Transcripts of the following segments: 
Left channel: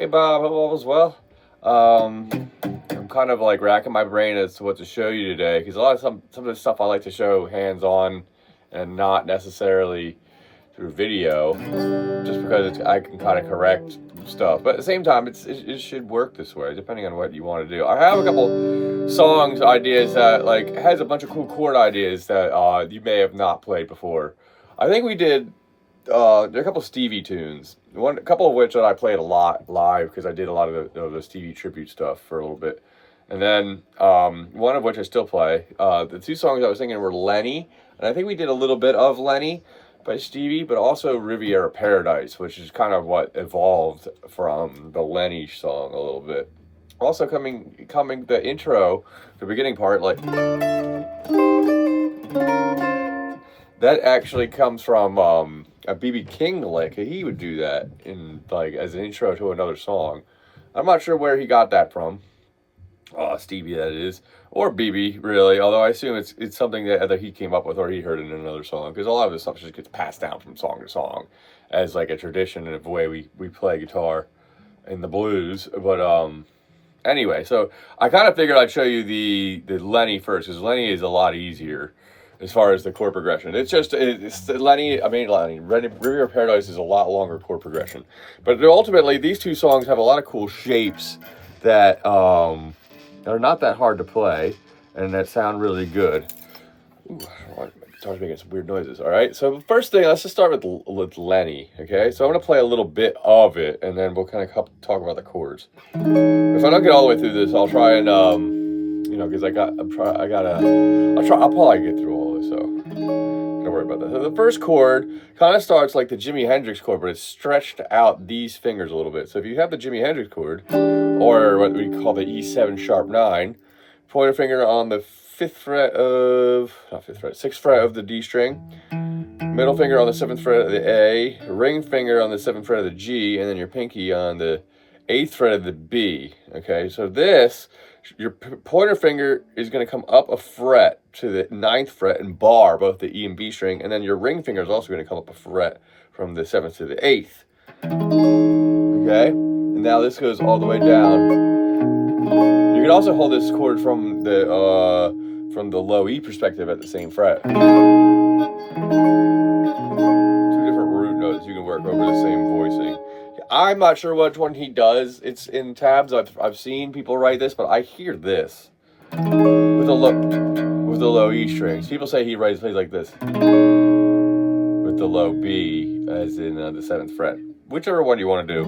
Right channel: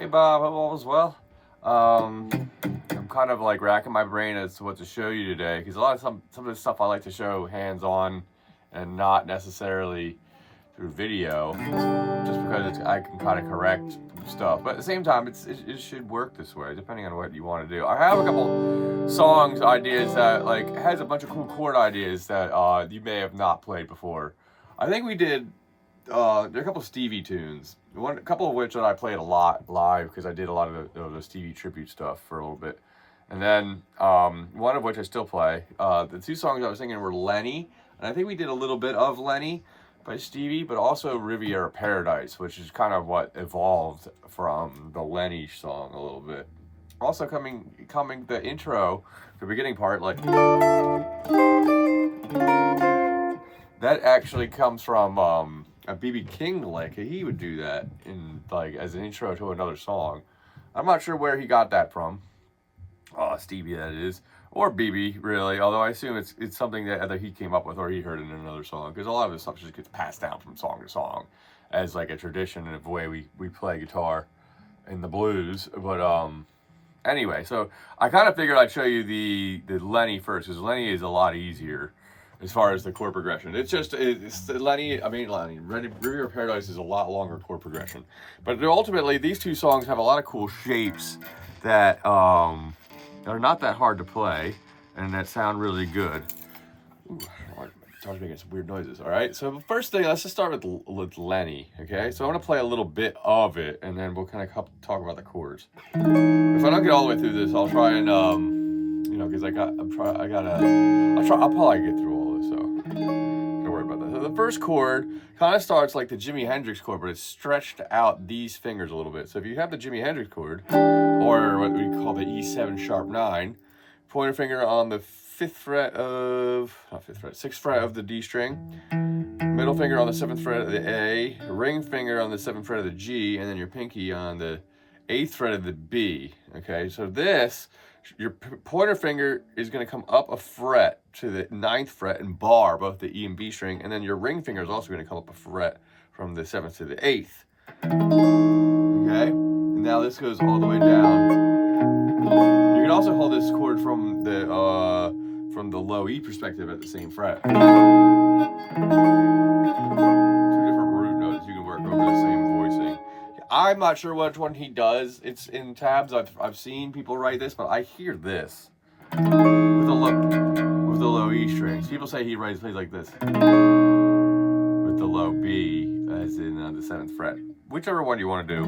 Hey Bob, hope all is well. I'm kind of like racking my brain as to what to show you today because a lot of some of the stuff I like to show hands-on and not necessarily through video, just because I can kind of correct stuff. But at the same time, it should work this way, depending on what you want to do. I have a couple songs ideas that like has a bunch of cool chord ideas that you may have not played before. I think we did. There are a couple Stevie tunes. A couple of which that I played a lot live because I did a lot of the Stevie tribute stuff for a little bit, and then one of which I still play. The two songs I was thinking were Lenny, and I think we did a little bit of Lenny by Stevie, but also Riviera Paradise, which is kind of what evolved from the Lenny song a little bit. Also coming the intro, the beginning part, like that actually comes from a BB King lick. He would do that in like as an intro to another song. I'm not sure where he got that from. Stevie, that is, or BB, really. Although I assume it's something that either he came up with or he heard in another song, because a lot of this stuff just gets passed down from song to song as like a tradition and a way we play guitar in the blues. But anyway, so I kind of figured I'd show you the Lenny first, because Lenny is a lot easier as far as the chord progression. It's the Lenny, Riviera Paradise is a lot longer chord progression. But ultimately, these two songs have a lot of cool shapes that are not that hard to play and that sound really good. Ooh, guitar's making some weird noises. All right, so the first thing, let's just start with Lenny, okay? So I'm gonna play a little bit of it, and then we'll kind of talk about the chords. If I don't get all the way through this, I'll try and because I'll probably get through all this, so don't worry about that. So the first chord kind of starts like the Jimi Hendrix chord, but it's stretched out these fingers a little bit. So if you have the Jimi Hendrix chord, or what we call the E7 sharp 9, pointer finger on the 6th fret of the D string, middle finger on the 7th fret of the A, ring finger on the 7th fret of the G, and then your pinky on the 8th fret of the B. Okay, so your pointer finger is going to come up a fret to the 9th fret and bar both the E and B string, and then your ring finger is also going to come up a fret from the 7th to the 8th. Okay, and now this goes all the way down. You can also hold this chord from the low E perspective at the same fret. Two different root notes you can work over the same voicing. I'm not sure which one he does. It's in tabs. I've seen people write this, but I hear this with the low E strings. People say he plays like this with the low B, as in the 7th fret. Whichever one you want to do.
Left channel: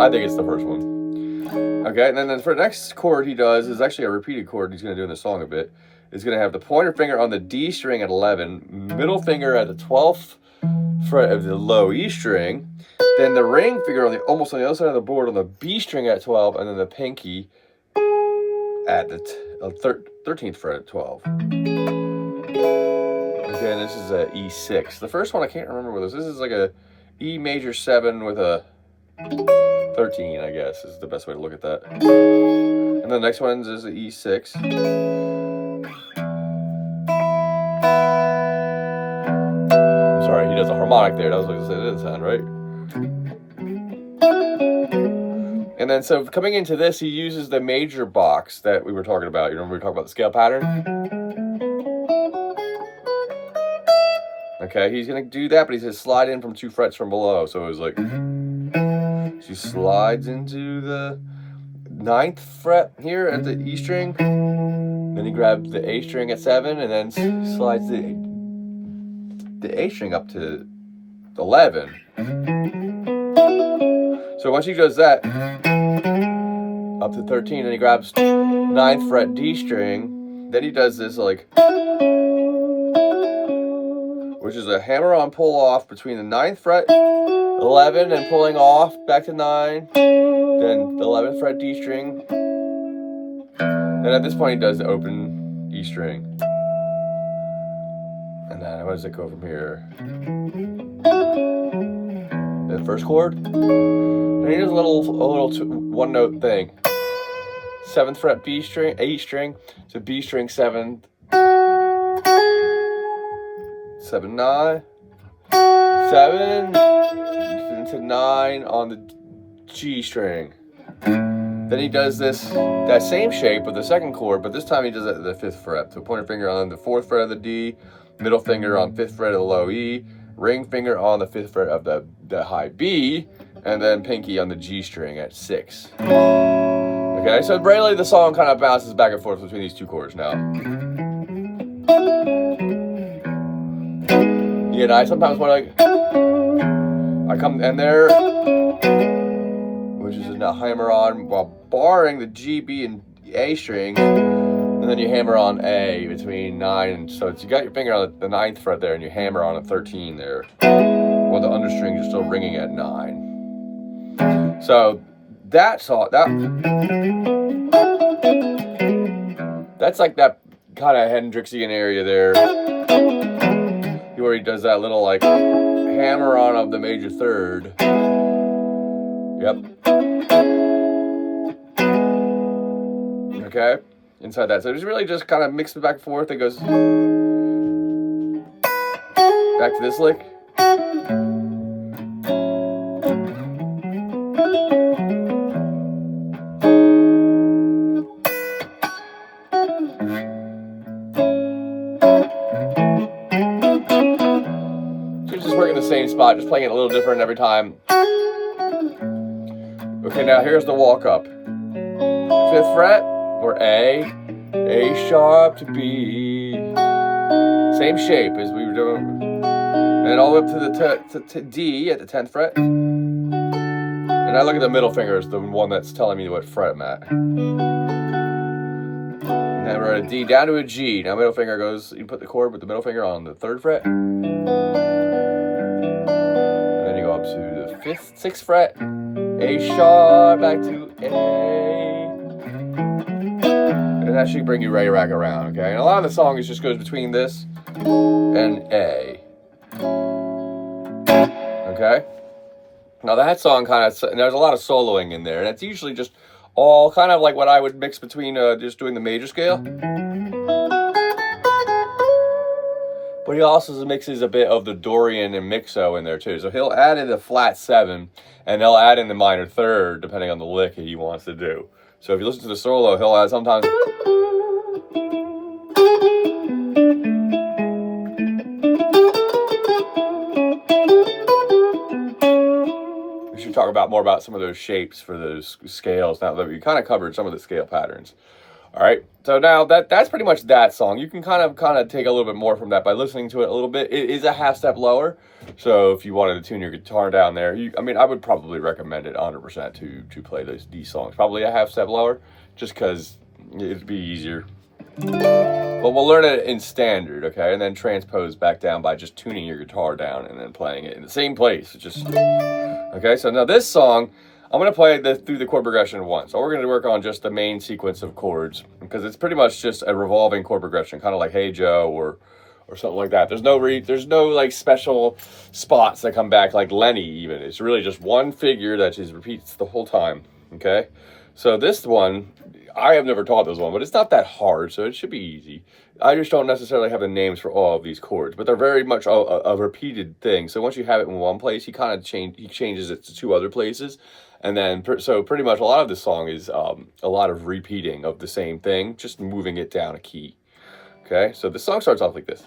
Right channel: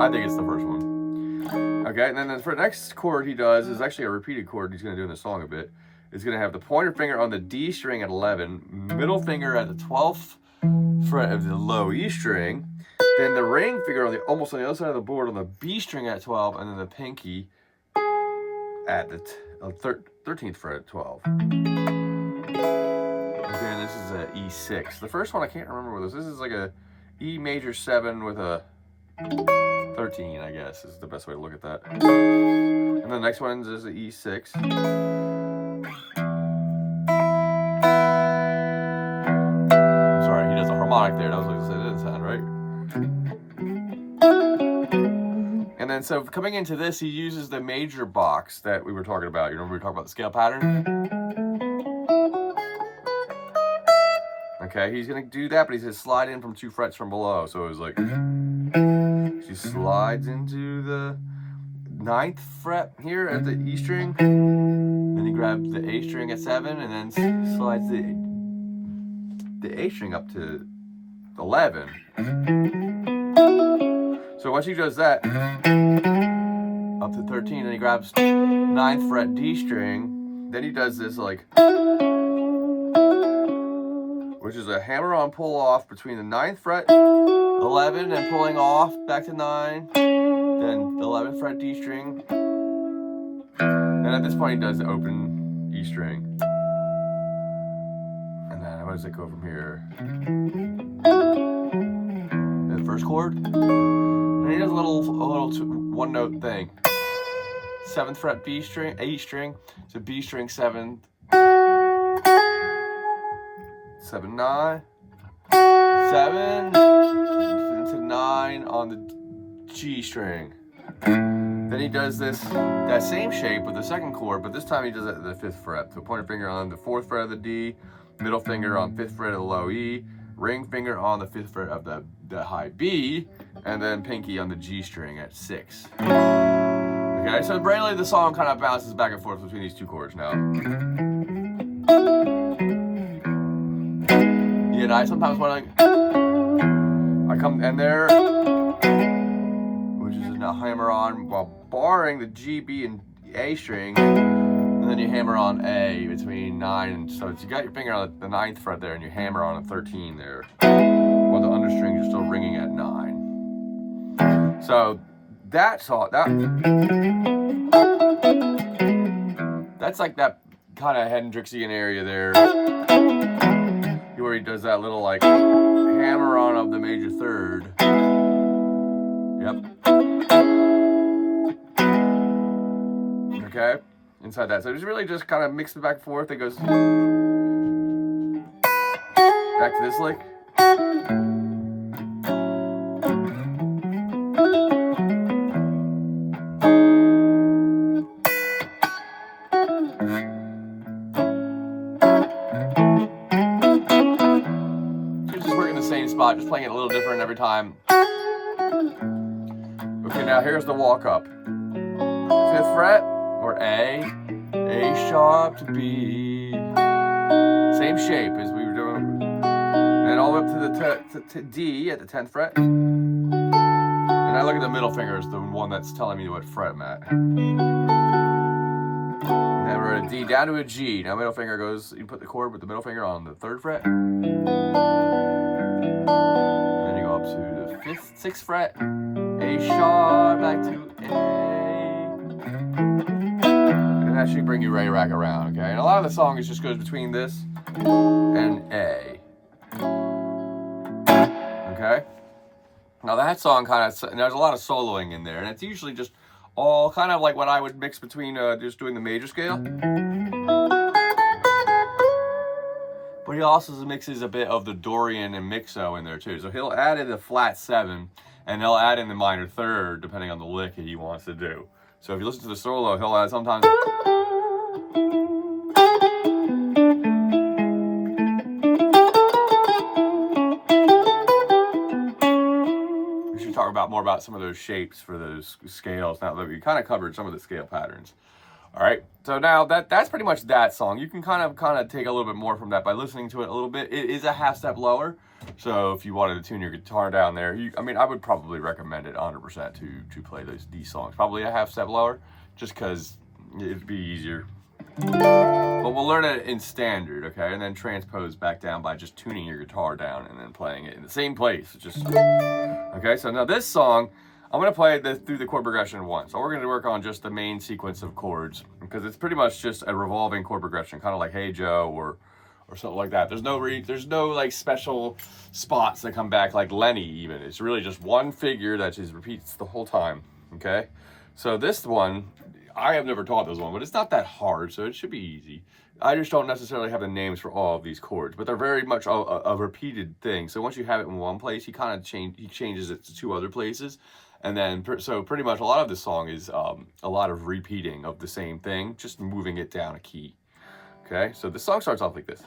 I think it's the first one. Okay, and then for the next chord he does is actually a repeated chord he's going to do in the song a bit. It's going to have the pointer finger on the D string at 11, middle finger at the 12th fret of the low E string, then the ring finger almost on the other side of the board on the B string at 12, and then the pinky at the 13th fret at 12. Again, this is a E6. The first one I can't remember what this is. This is like a E major 7 with a 13, I guess, is the best way to look at that. And the next one is an E6. Sorry, he does a harmonic there. That was what I said. It didn't sound right. And then, so coming into this, he uses the major box that we were talking about. You remember we talked about the scale pattern? Okay, he's going to do that, but he's going to slide in from 2 frets from below. So it was like, she slides into the 9th fret here at the E string. Then he grabs the A string at 7, and then slides the A string up to 11. So once he does that, up to 13, and he grabs 9th fret D string, then he does this like, which is a hammer-on pull-off between the 9th fret, 11, and pulling off back to 9, then the 11th fret D string, and at this point he does the open E string. And then where does it go from here? The first chord. And he does a little one-note thing. 7th fret B string, A string to B string 7th, 7 9, 7 to 9 on the G string. Then he does that same shape with the second chord, but this time he does it at the 5th fret. So pointer finger on the 4th fret of the D, middle finger on 5th fret of the low E, ring finger on the 5th fret of the high B, and then pinky on the G string at 6. Okay, so really the song kind of bounces back and forth between these two chords now. Yeah, and I sometimes want to, I come in there, which is a hammer on while barring the G, B, and A string, and then you hammer on A between 9 and, so you got your finger on the 9th fret there, and you hammer on a 13 there, while the understrings are still ringing at 9. So that's like that kind of Hendrixian area there, where he does that little like hammer on of the major third. Yep. Okay, inside that. So it's really just kind of mixed back and forth. It goes back to this lick. So it's just working the same spot, just playing it a little different every time. Okay, now here's the walk up. 5th fret, or A sharp to B. Same shape as we were doing. And all the way up to D at the 10th fret. And I look at the middle finger as the one that's telling me what fret I'm at. And then we're at a D down to a G. Now middle finger goes, you put the chord with the middle finger on the 3rd fret. And then you go up to the 5th, 6th fret. A sharp, back to A. And that should bring you right back around, okay? And a lot of the song just goes between this and A. Okay? Now that song kind of, there's a lot of soloing in there, and it's usually just all kind of like what I would mix between just doing the major scale. But he also mixes a bit of the Dorian and Mixo in there too. So he'll add in the flat 7, and he'll add in the minor 3rd, depending on the lick he wants to do. So if you listen to the solo, he'll add sometimes. We should talk more about some of those shapes for those scales now that we kind of covered some of the scale patterns. All right, so now that's pretty much that song. You can kind of take a little bit more from that by listening to it a little bit. It is a half step lower, so if you wanted to tune your guitar down there, I would probably recommend it 100% to play these songs. Probably a half step lower, just because it'd be easier. But we'll learn it in standard, okay, and then transpose back down by just tuning your guitar down and then playing it in the same place. Okay. So now this song, I'm going to play through the chord progression once. So we're going to work on just the main sequence of chords, because it's pretty much just a revolving chord progression, kind of like Hey Joe or something like that. There's no like special spots that come back like Lenny even. It's really just one figure that just repeats the whole time, okay? So this one, I have never taught this one, but it's not that hard, so it should be easy. I just don't necessarily have the names for all of these chords, but they're very much a repeated thing. So once you have it in one place, he changes it to 2 other places. And then, so pretty much a lot of this song is a lot of repeating of the same thing, just moving it down a key. Okay, so the song starts off like this.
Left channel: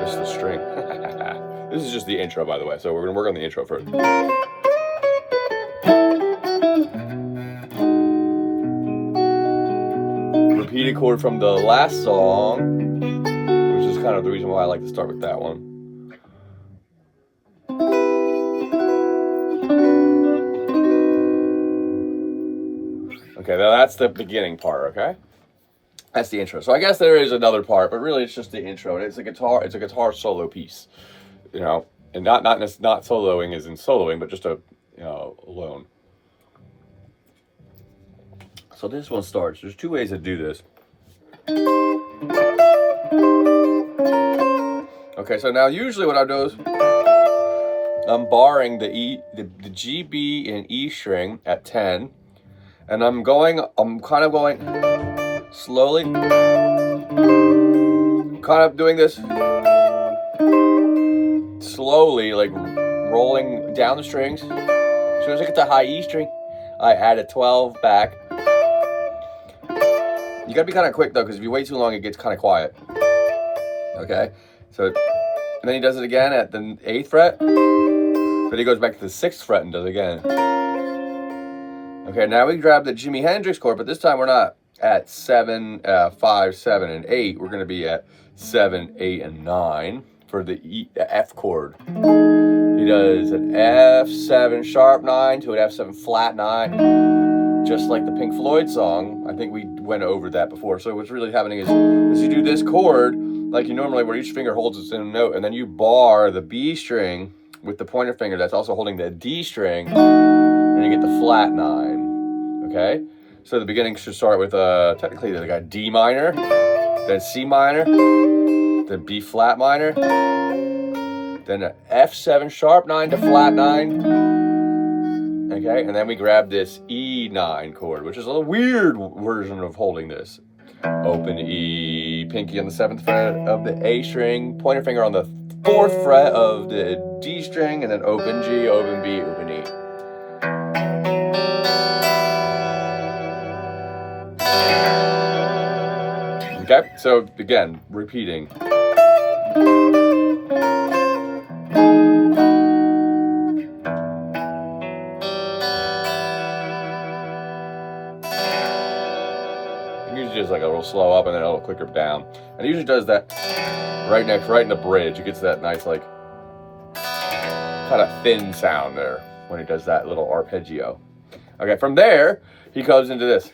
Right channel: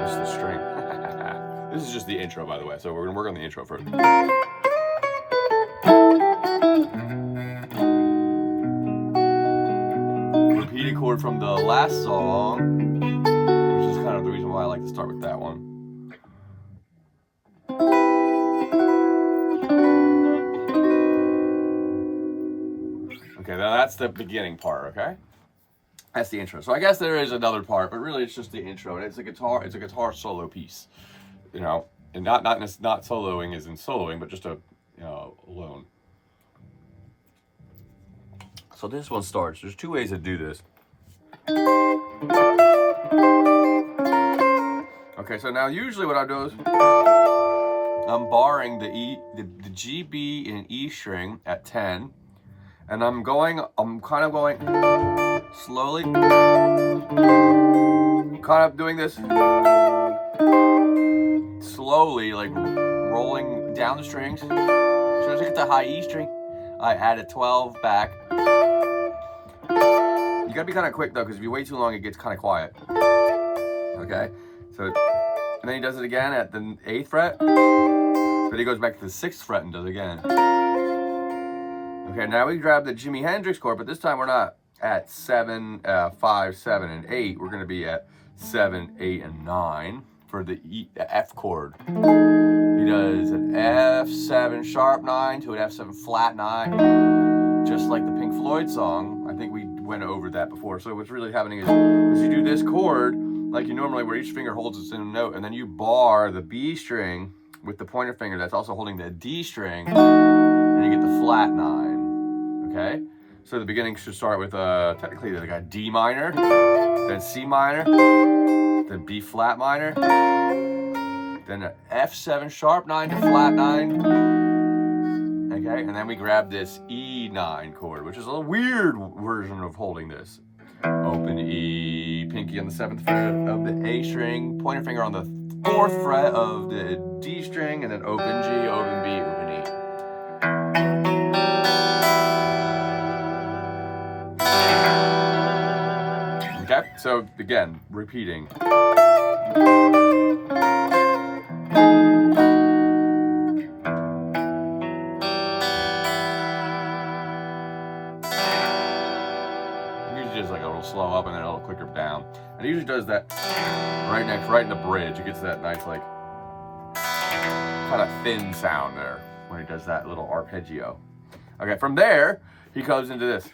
This is the string. This is just the intro, by the way, so we're gonna work on the intro first. Repeated chord from the last song, which is kind of the reason why I like to start with that one. Okay, now that's the beginning part, okay? That's the intro. So I guess there is another part, but really it's just the intro. And it's a guitar solo piece, you know, and not soloing as in soloing, but just alone. So this one starts. There's 2 ways to do this. Okay, so now usually what I do is I'm barring the G, B, and E string at 10, and I'm kind of going slowly, kind of doing this slowly, like rolling down the strings. As soon as I get the high E string, I add a 12 back. You gotta be kind of quick though, because if you wait too long, it gets kind of quiet. Okay, so, and then he does it again at the 8th fret, but he goes back to the 6th fret and does it again. Okay, now we grab the Jimi Hendrix chord, but this time we're not at 7, 5, 7, and 8. We're gonna be at 7, 8, and 9 for the F chord. He does an F7 sharp 9 to an F7 flat 9, just like the Pink Floyd song. I think we went over that before. So what's really happening is you do this chord like you normally, where each finger holds its own note, and then you bar the B string with the pointer finger that's also holding the D string, and you get the flat 9. Okay? So the beginning should start with technically they got D minor, then C minor, then B flat minor, then an F7 sharp 9 to flat 9. Okay, and then we grab this E9 chord, which is a weird version of holding this. Open E, pinky on the 7th fret of the A string, pointer finger on the 4th fret of the D string, and then open G, open B, open E. Okay, so again, repeating. Usually just like a little slow up and then a little quicker down. And it usually does that right in the bridge. It gets that nice like kind of thin sound there when he does that little arpeggio. Okay, from there, he goes into this.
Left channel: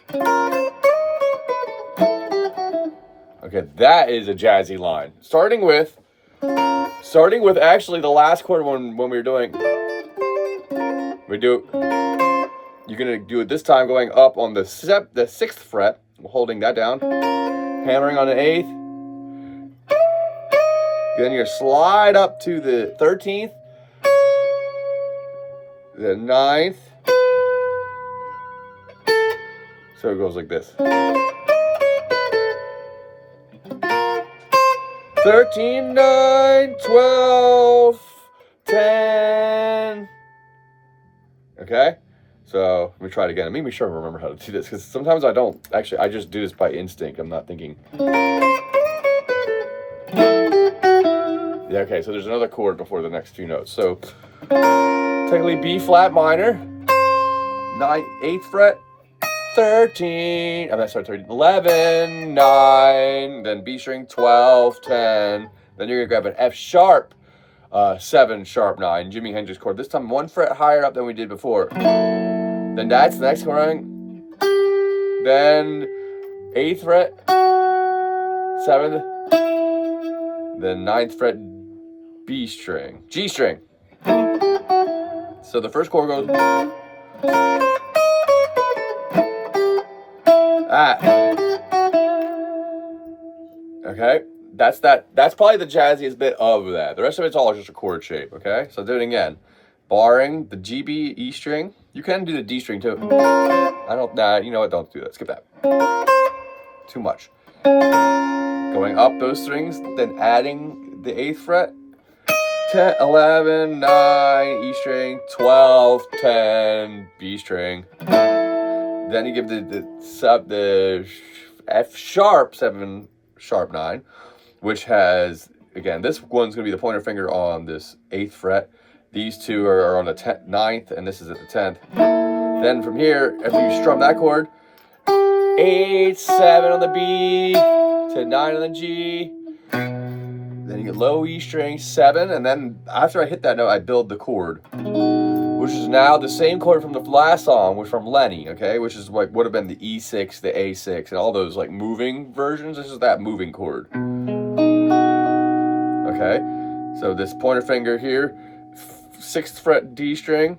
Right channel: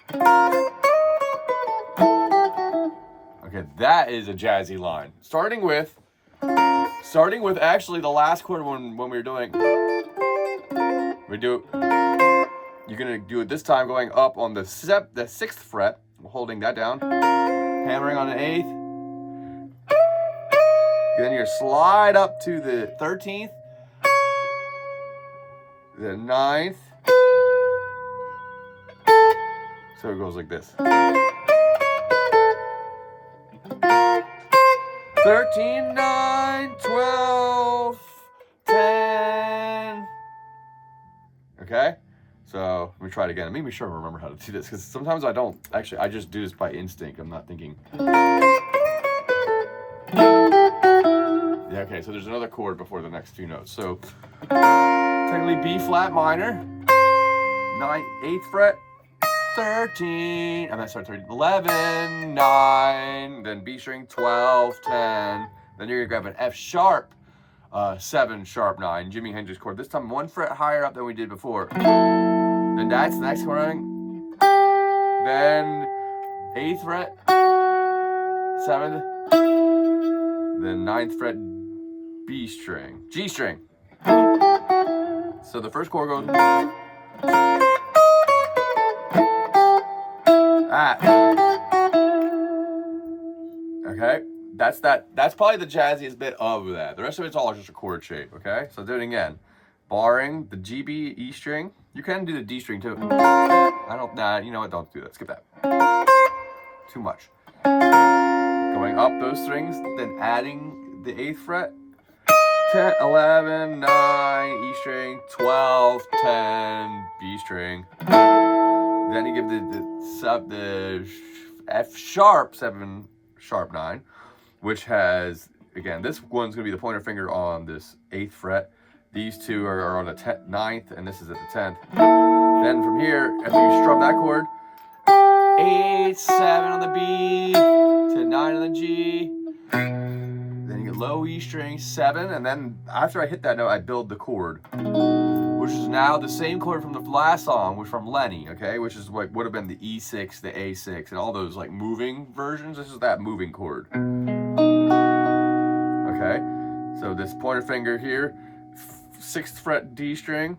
Okay, that is a jazzy line. Starting with actually the last chord when we were doing, you're gonna do it this time going up on the 6th fret, holding that down, hammering on the 8th. Then you're slide up to the 13th, the 9th. So it goes like this. 13, 9, 12, 10. Okay? So let me try it again. Let me make sure I remember how to do this, because sometimes I don't. Actually, I just do this by instinct. I'm not thinking. Yeah, okay, so there's another chord before the next two notes. So technically B flat minor, 8th fret, 13, I'm not sorry, 13, 11, 9, then B string, 12, 10. Then you're gonna grab an F sharp, 7 sharp 9, Jimi Hendrix chord. This time 1 fret higher up than we did before. Then that's the next chord. Then 8th fret, 7th, then 9th fret, B string, G string. So the first chord goes. Okay, that's probably the jazziest bit of that. The rest of it's all just a chord shape. Okay, so do it again. Barring the G, B, E string. You can do the D string too. You know what, don't do that, skip that. Too much. Going up those strings, then adding the 8th fret, 10, 11, 9, E string, 12, 10, B string. Then you give the F sharp 7 sharp 9, which has, again, this one's going to be the pointer finger on this 8th fret. These two are on the 9th, and this is at the 10th. Then from here, if you strum that chord, 8, 7 on the B, to 9 on the G. Then you get low E string, 7, and then after I hit that note, I build the chord, which is now the same chord from the last song, which from Lenny, okay? Which is what would have been the E6, the A6, and all those like moving versions. This is that moving chord. Okay, so this pointer finger here, 6th fret D string,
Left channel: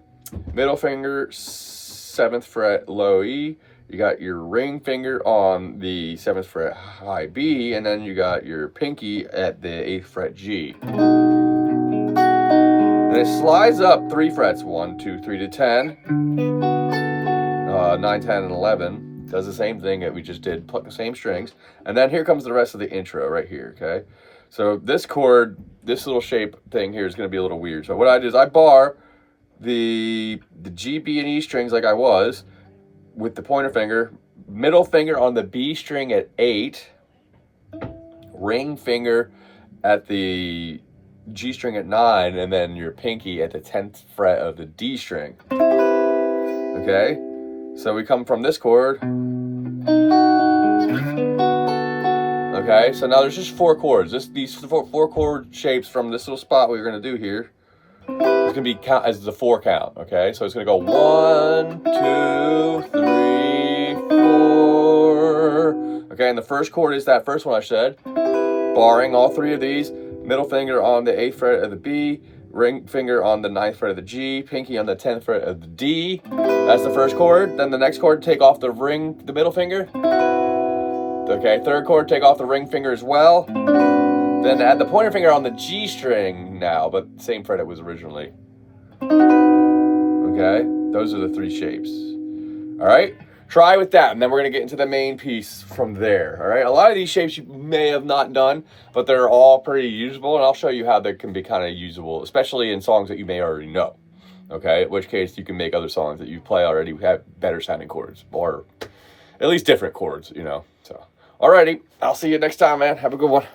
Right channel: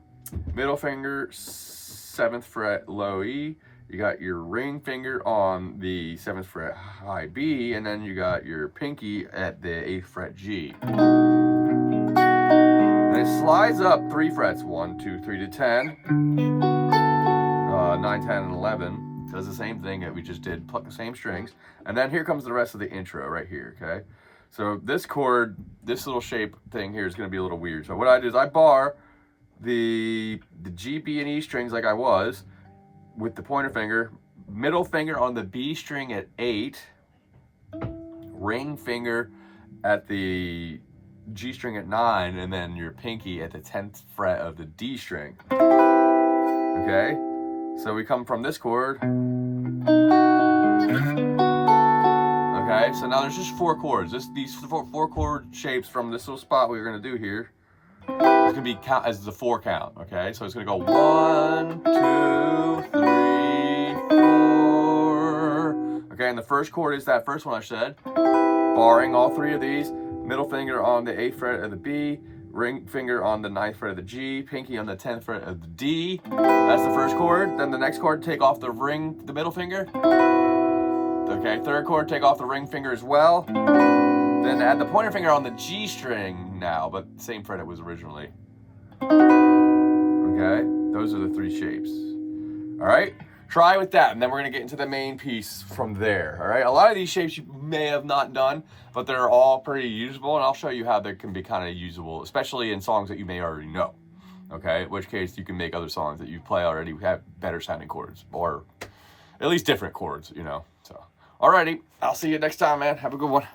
middle finger, 7th fret low E. You got your ring finger on the 7th fret high B, and then you got your pinky at the 8th fret G. And it slides up 3 frets, 1, 2, 3 to 10, 9, 10, and 11. Does the same thing that we just did, pluck the same strings. And then here comes the rest of the intro right here, okay? So this chord, this little shape thing here is going to be a little weird. So what I do is I bar the G, B, and E strings like I was with the pointer finger, middle finger on the B string at 8, ring finger at the G string at 9, and then your pinky at the 10th fret of the D string. Okay? So we come from this chord. Okay, so now there's just 4 chords. These four chord shapes from this little spot we're gonna do here. It's gonna be count as the 4 count. Okay, so it's gonna go 1, 2, 3, 4. Okay, and the first chord is that first one I said. Barring all 3 of these, middle finger on the 8th fret of the B, ring finger on the 9th fret of the G, pinky on the 10th fret of the D. That's the first chord. Then the next chord, take off the middle finger. Okay, third chord, take off the ring finger as well. Then add the pointer finger on the G string now, but same fret it was originally. Okay, those are the 3 shapes. All right, try with that, and then we're gonna get into the main piece from there. All right, a lot of these shapes you may have not done, but they're all pretty usable, and I'll show you how they can be kind of usable, especially in songs that you may already know. Okay, in which case you can make other songs that you play already have better sounding chords, or at least different chords, you know. So, alrighty, I'll see you next time, man. Have a good one.